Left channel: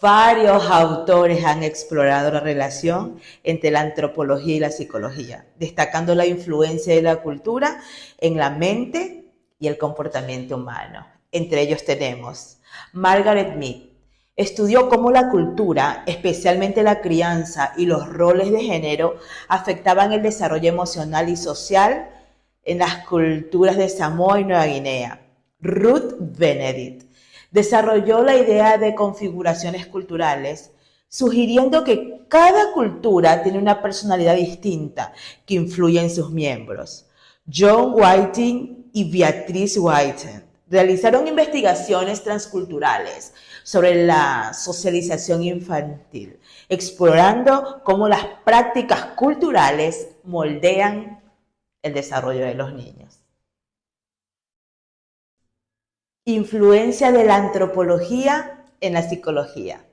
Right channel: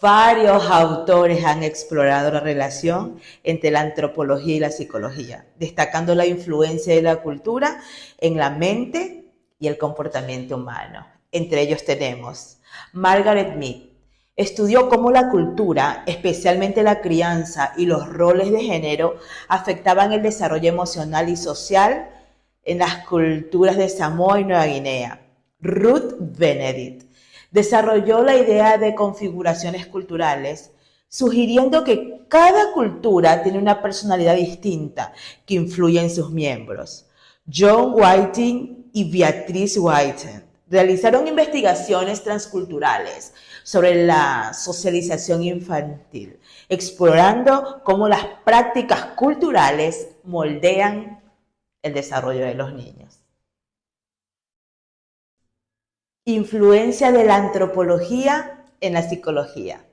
Varios autores han explorado la relación entre la antropología y la psicología, destacando la influencia de la cultura en la mente y el comportamiento humano. Entre ellos tenemos Margaret Mead. Estudió cómo la cultura, especialmente la crianza y los roles de género, afectaban el desarrollo emocional y social en las culturas de Samoa y Nueva Guinea. Ruth Benedict desarrolló la idea de configuraciones culturales, sugiriendo que cada cultura tiene una personalidad distinta que influye en sus miembros. John Whiting y Beatrice Whiten realizaron investigaciones transculturales sobre la socialización infantil, explorando cómo las prácticas culturales moldean el desarrollo de los niños. Influencia de la antropología en la psicología.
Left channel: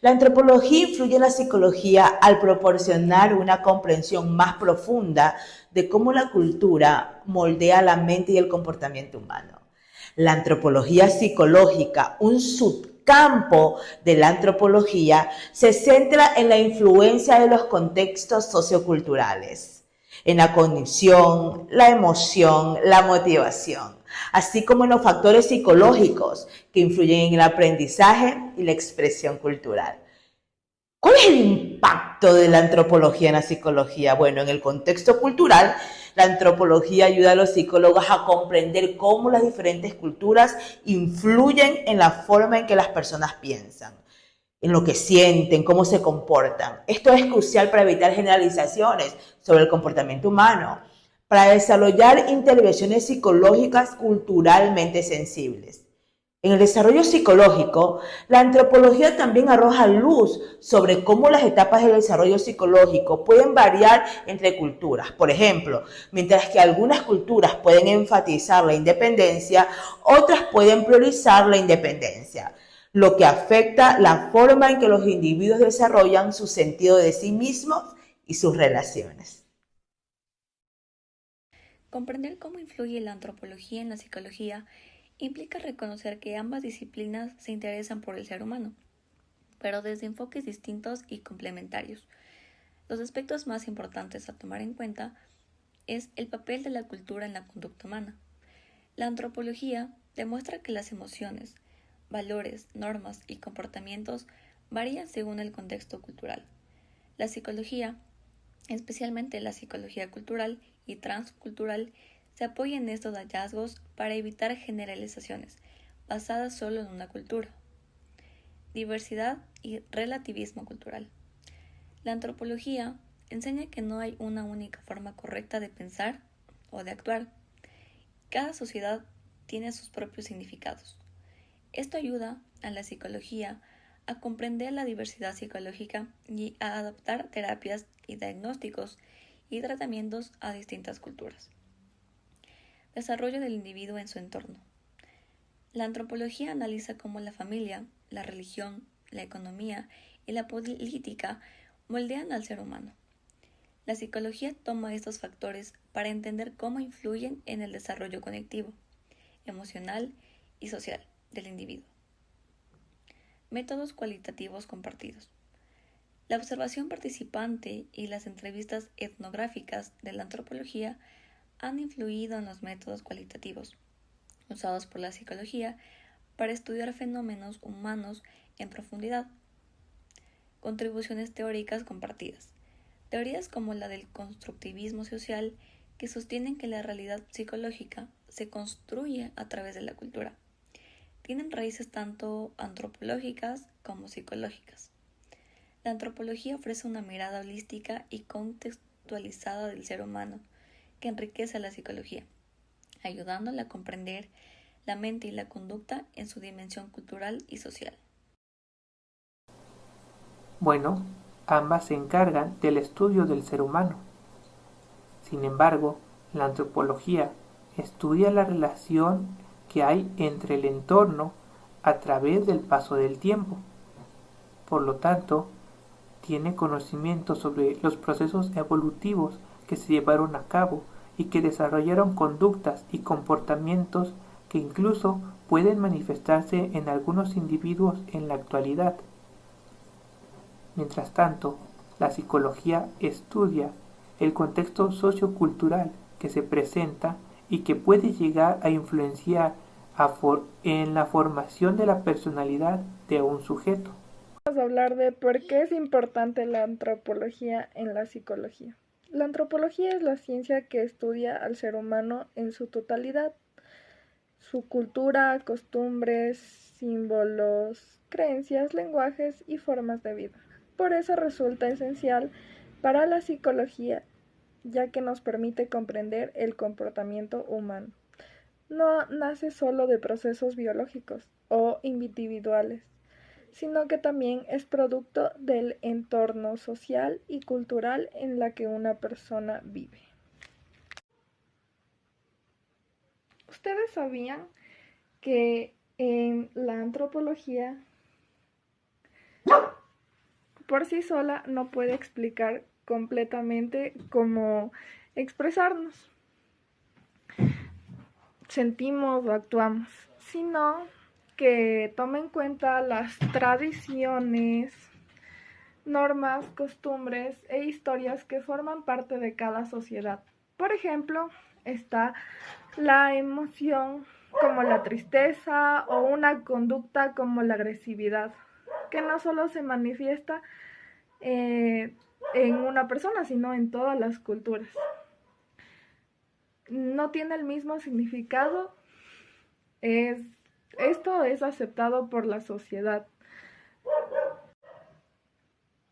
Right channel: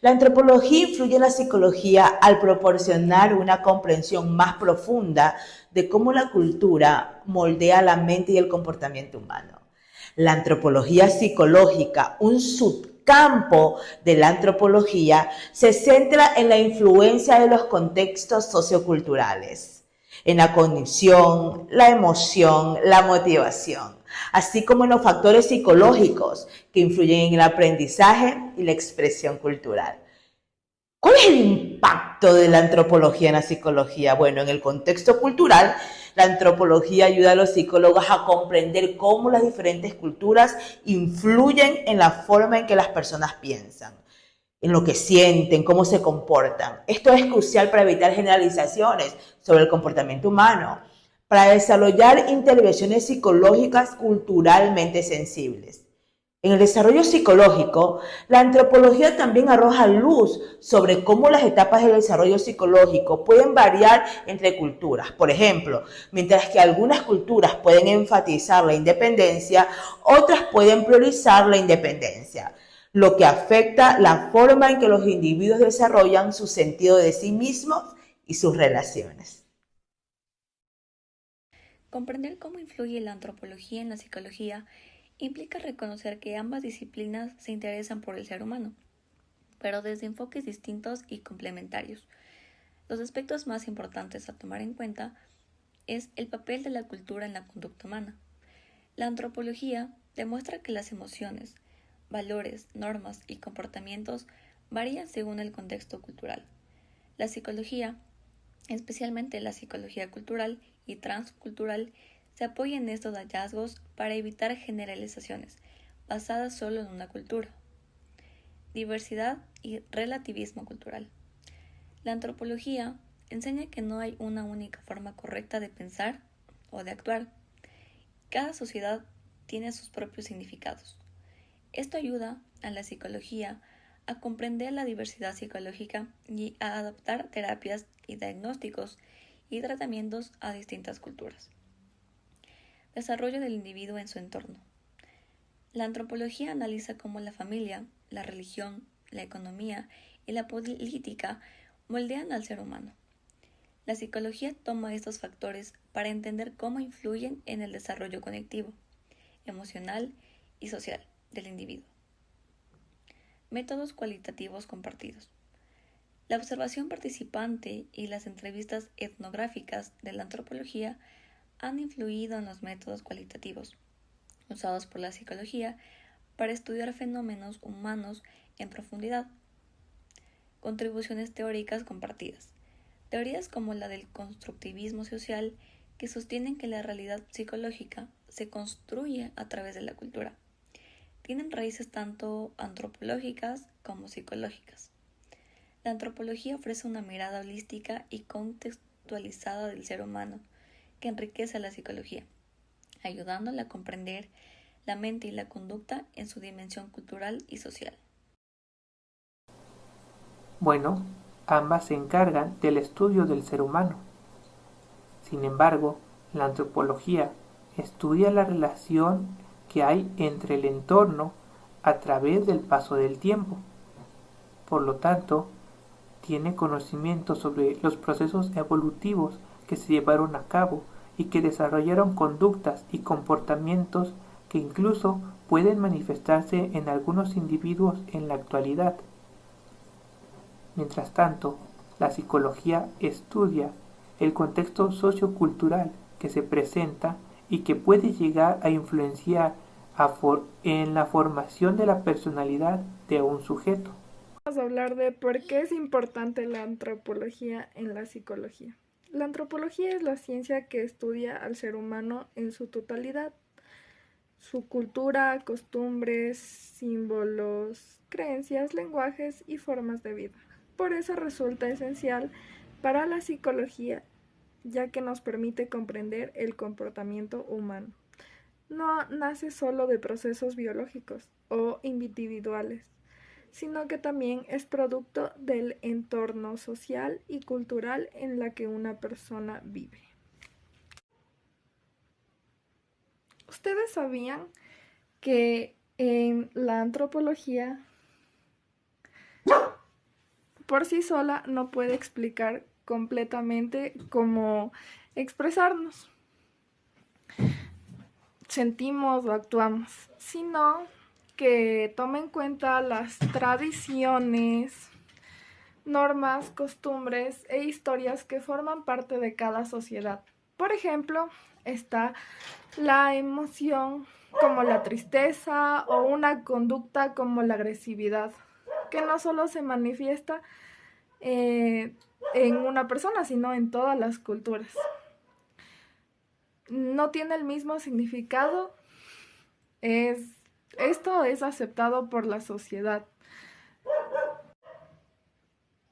La antropología influye en la psicología al proporcionar una comprensión más profunda de cómo la cultura moldea la mente y el comportamiento humano. La antropología psicológica, un subcampo de la antropología, se centra en la influencia de los contextos socioculturales, en la cognición, la emoción, la motivación, así como en los factores psicológicos que influyen en el aprendizaje y la expresión cultural. ¿Cuál es el impacto de la antropología en la psicología? Bueno, en el contexto cultural, la antropología ayuda a los psicólogos a comprender cómo las diferentes culturas influyen en la forma en que las personas piensan, en lo que sienten, cómo se comportan. Esto es crucial para evitar generalizaciones sobre el comportamiento humano, para desarrollar intervenciones psicológicas culturalmente sensibles. En el desarrollo psicológico, la antropología también arroja luz sobre cómo las etapas del desarrollo psicológico pueden variar entre culturas. Por ejemplo, mientras que algunas culturas pueden enfatizar la independencia, otras pueden priorizar la independencia, lo que afecta la forma en que los individuos desarrollan su sentido de sí mismos y sus relaciones. Comprender cómo influye la antropología en la psicología implica reconocer que ambas disciplinas se interesan por el ser humano, pero desde enfoques distintos y complementarios. Los aspectos más importantes a tomar en cuenta es el papel de la cultura en la conducta humana. La antropología demuestra que las emociones, valores, normas y comportamientos varían según el contexto cultural. La psicología, especialmente la psicología cultural y transcultural, se apoya en estos hallazgos para evitar generalizaciones basadas solo en una cultura. Diversidad y relativismo cultural. La antropología enseña que no hay una única forma correcta de pensar o de actuar. Cada sociedad tiene sus propios significados. Esto ayuda a la psicología a comprender la diversidad psicológica y a adaptar terapias y diagnósticos y tratamientos a distintas culturas. Desarrollo del individuo en su entorno. La antropología analiza cómo la familia, la religión, la economía y la política moldean al ser humano. La psicología toma estos factores para entender cómo influyen en el desarrollo conectivo, emocional y social del individuo. Métodos cualitativos compartidos. La observación participante y las entrevistas etnográficas de la antropología han influido en los métodos cualitativos usados por la psicología para estudiar fenómenos humanos en profundidad. Contribuciones teóricas compartidas. Teorías como la del constructivismo social que sostienen que la realidad psicológica se construye a través de la cultura. Tienen raíces tanto antropológicas como psicológicas. La antropología ofrece una mirada holística y contextualizada del ser humano que enriquece a la psicología, ayudándola a comprender la mente y la conducta en su dimensión cultural y social. Bueno, ambas se encargan del estudio del ser humano. Sin embargo, la antropología estudia la relación que hay entre el entorno a través del paso del tiempo. Por lo tanto, tiene conocimiento sobre los procesos evolutivos que se llevaron a cabo y que desarrollaron conductas y comportamientos que incluso pueden manifestarse en algunos individuos en la actualidad. Mientras tanto, la psicología estudia el contexto sociocultural que se presenta y que puede llegar a influenciar en la formación de la personalidad de un sujeto. Vamos a hablar de por qué es importante la antropología en la psicología. La antropología es la ciencia que estudia al ser humano en su totalidad, su cultura, costumbres, símbolos, creencias, lenguajes y formas de vida. Por eso resulta esencial para la psicología, ya que nos permite comprender el comportamiento humano. No nace solo de procesos biológicos o individuales, sino que también es producto del entorno social y cultural en la que una persona vive. ¿Ustedes sabían que en la antropología por sí sola no puede explicar completamente cómo expresarnos, sentimos o actuamos, sino que toma en cuenta las tradiciones, normas, costumbres e historias que forman parte de cada sociedad? Por ejemplo, está la emoción como la tristeza o una conducta como la agresividad, que no solo se manifiesta en una persona, sino en todas las culturas. No tiene el mismo significado, esto es aceptado por la sociedad.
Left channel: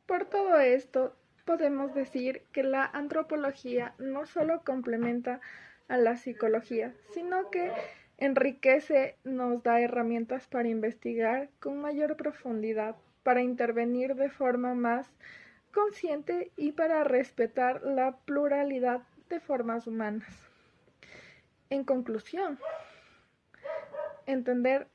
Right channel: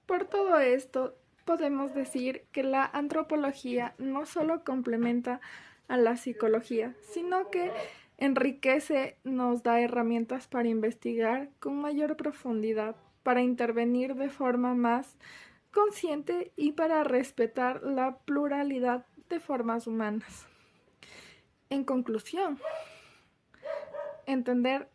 Por todo esto, podemos decir que la antropología no solo complementa a la psicología, sino que enriquece, nos da herramientas para investigar con mayor profundidad, para intervenir de forma más consciente y para respetar la pluralidad de formas humanas. En conclusión, entender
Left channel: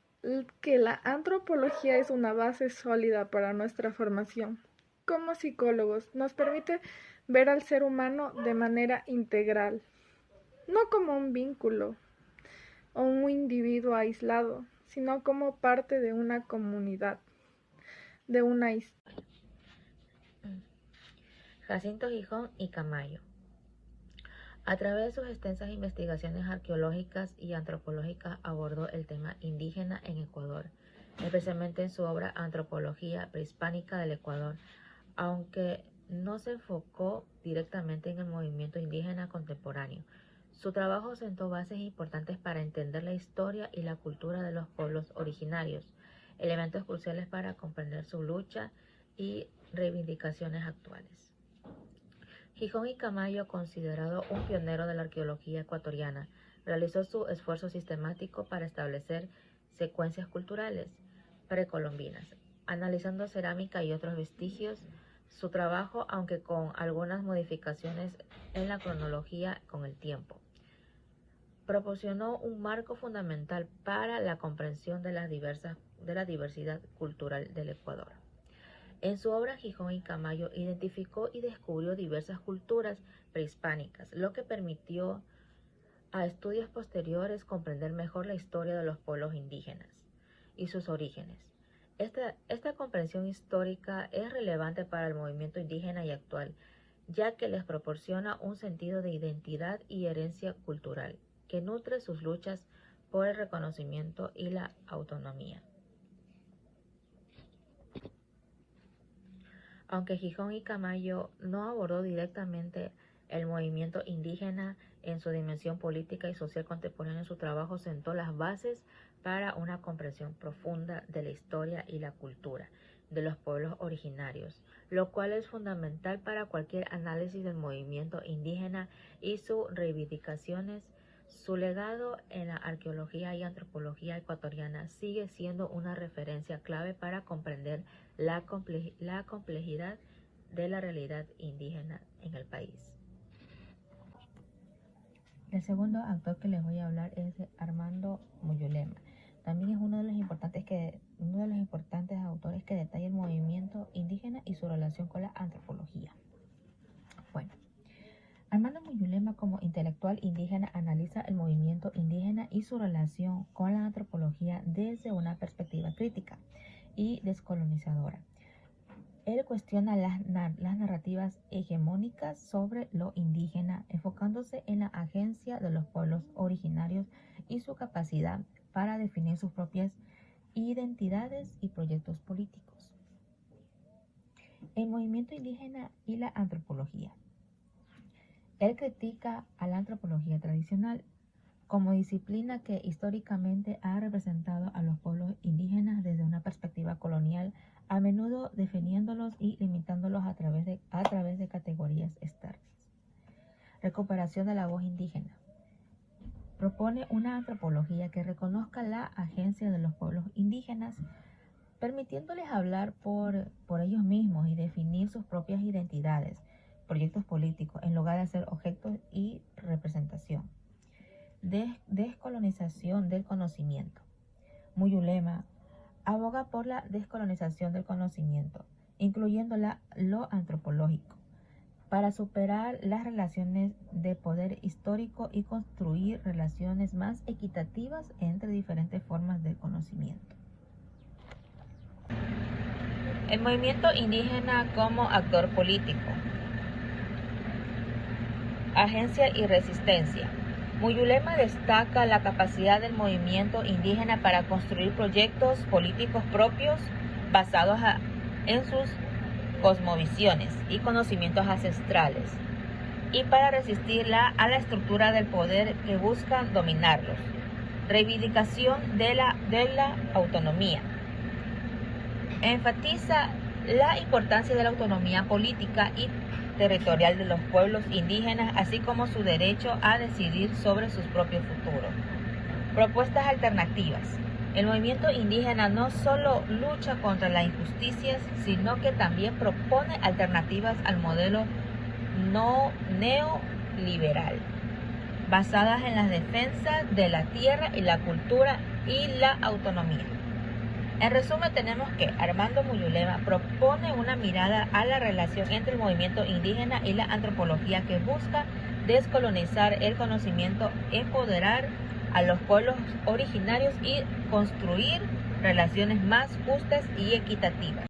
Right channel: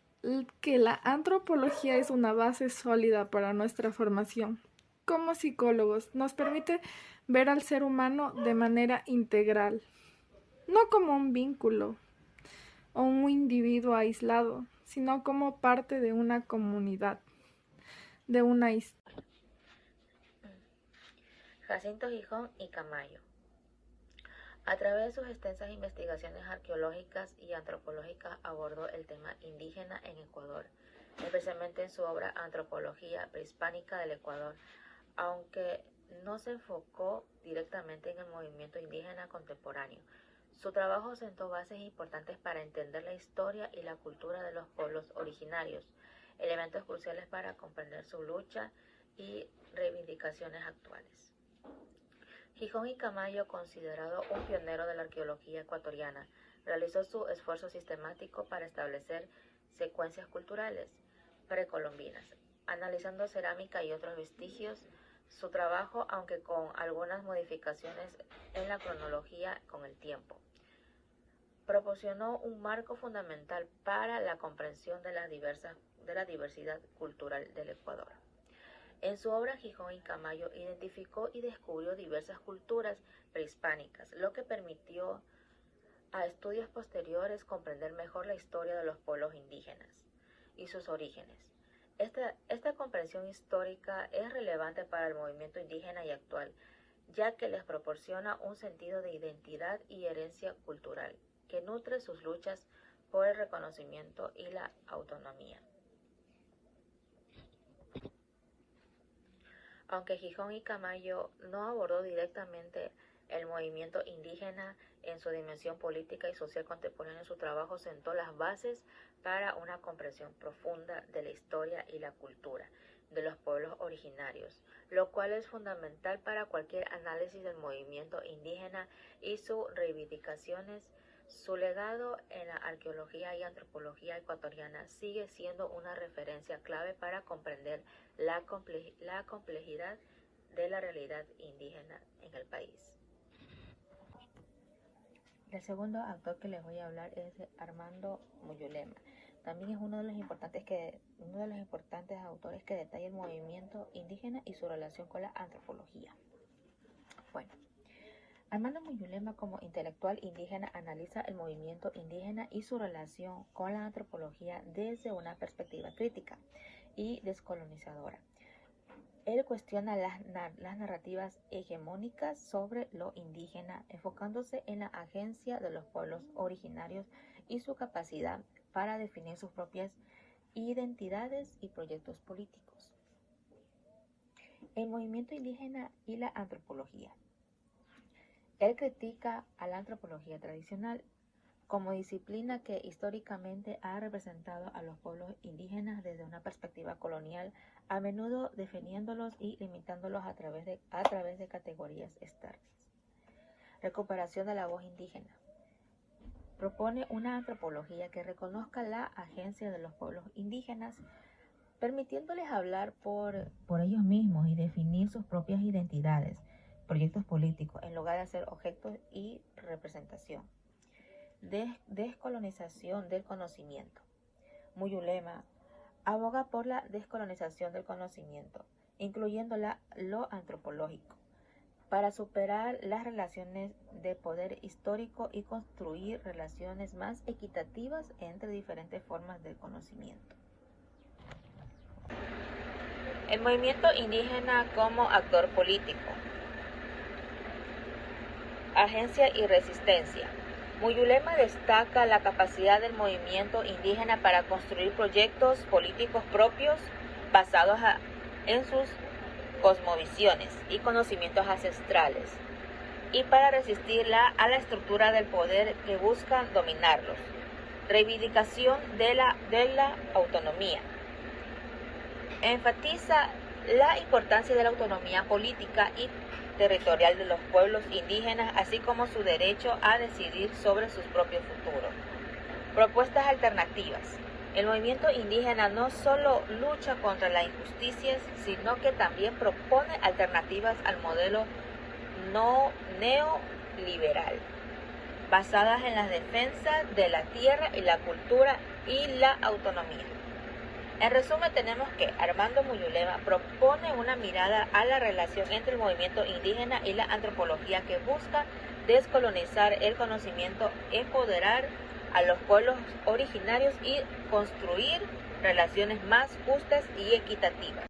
que la antropología es una base sólida para nuestra formación como psicólogos, nos permite ver al ser humano de manera integral, no como un vínculo o un individuo aislado, sino como parte de una comunidad, de una historia. Jacinto Gijón y Camayo. A través de sus extensas investigaciones arqueológicas y antropológicas abordó el tema indígena en Ecuador, especialmente en su obra Antropología Prehispánica del Ecuador, aunque no se enfocó directamente en el movimiento indígena contemporáneo. Su trabajo sentó bases importantes para entender la historia y la cultura de los pueblos originarios, elementos cruciales para comprender su lucha y reivindicaciones actuales. Gijón y Camayo, considerado un pionero de la arqueología ecuatoriana, realizó su esfuerzo sistemático para establecer secuencias culturales precolombinas, analizando cerámica y otros vestigios. Su trabajo, aunque con algunas modificaciones en la cronología con el tiempo, proporcionó un marco fundamental para la comprensión de la diversidad cultural del Ecuador. En su obra Gijón y Camayo identificó y descubrió diversas culturas prehispánicas, lo que permitió a estudios posteriores comprender mejor la historia de los pueblos indígenas y sus orígenes. Esta comprensión histórica es relevante para el movimiento indígena y actual, ya que les proporciona un sentido de identidad y herencia cultural, que nutre sus luchas por el reconocimiento y la autonomía. Aunque Gijón y Camayo no abordó directamente el movimiento indígena en su dimensión política y social contemporánea, su trabajo sentó las bases para una comprensión profunda de la historia y la cultura de los pueblos originarios, lo cual es fundamental para cualquier análisis del movimiento indígena y sus reivindicaciones. Su legado en la arqueología y antropología ecuatoriana sigue siendo una referencia clave para comprender la complejidad de la realidad indígena en el país. El segundo autor que les voy a hablar es Armando Muyolema. También es uno de los importantes autores que detalla el movimiento indígena y su relación con la antropología. Bueno, Armando Muyolema, como intelectual indígena, analiza el movimiento indígena y su relación con la antropología desde una perspectiva crítica y descolonizadora. Él cuestiona las narrativas hegemónicas sobre lo indígena, enfocándose en la agencia de los pueblos originarios y su capacidad para definir sus propias identidades y proyectos políticos. El movimiento indígena y la antropología. Él critica a la antropología tradicional como disciplina que históricamente ha representado a los pueblos indígenas desde una perspectiva colonial, a menudo definiéndolos y limitándolos a través de categorías externas. Recuperación de la voz indígena. Propone una antropología que reconozca la agencia de los pueblos indígenas, permitiéndoles hablar por ellos mismos y definir sus propias identidades, proyectos políticos, en lugar de ser objetos y representación. Descolonización del conocimiento. Muyulema aboga por la descolonización del conocimiento, incluyendo lo antropológico, para superar las relaciones de poder histórico y construir relaciones más equitativas entre diferentes formas de conocimiento. El movimiento indígena como actor político. Agencia y resistencia. Muyulema destaca la capacidad del movimiento indígena para construir proyectos políticos propios basados en sus cosmovisiones y conocimientos ancestrales, y para resistir a la estructura del poder que busca dominarnos. Reivindicación de la autonomía. Enfatiza la importancia de la autonomía política y territorial de los pueblos indígenas, así como su derecho a decidir sobre sus propios futuros. Propuestas alternativas. El movimiento indígena no solo lucha contra las injusticias, sino que también propone alternativas al modelo neoliberal, basadas en la defensa de la tierra, en la cultura y la autonomía. En resumen, tenemos que Armando Muyulema propone una mirada a la relación entre el movimiento indígena y la antropología que busca descolonizar el conocimiento, empoderar a los pueblos originarios y construir relaciones más justas y equitativas.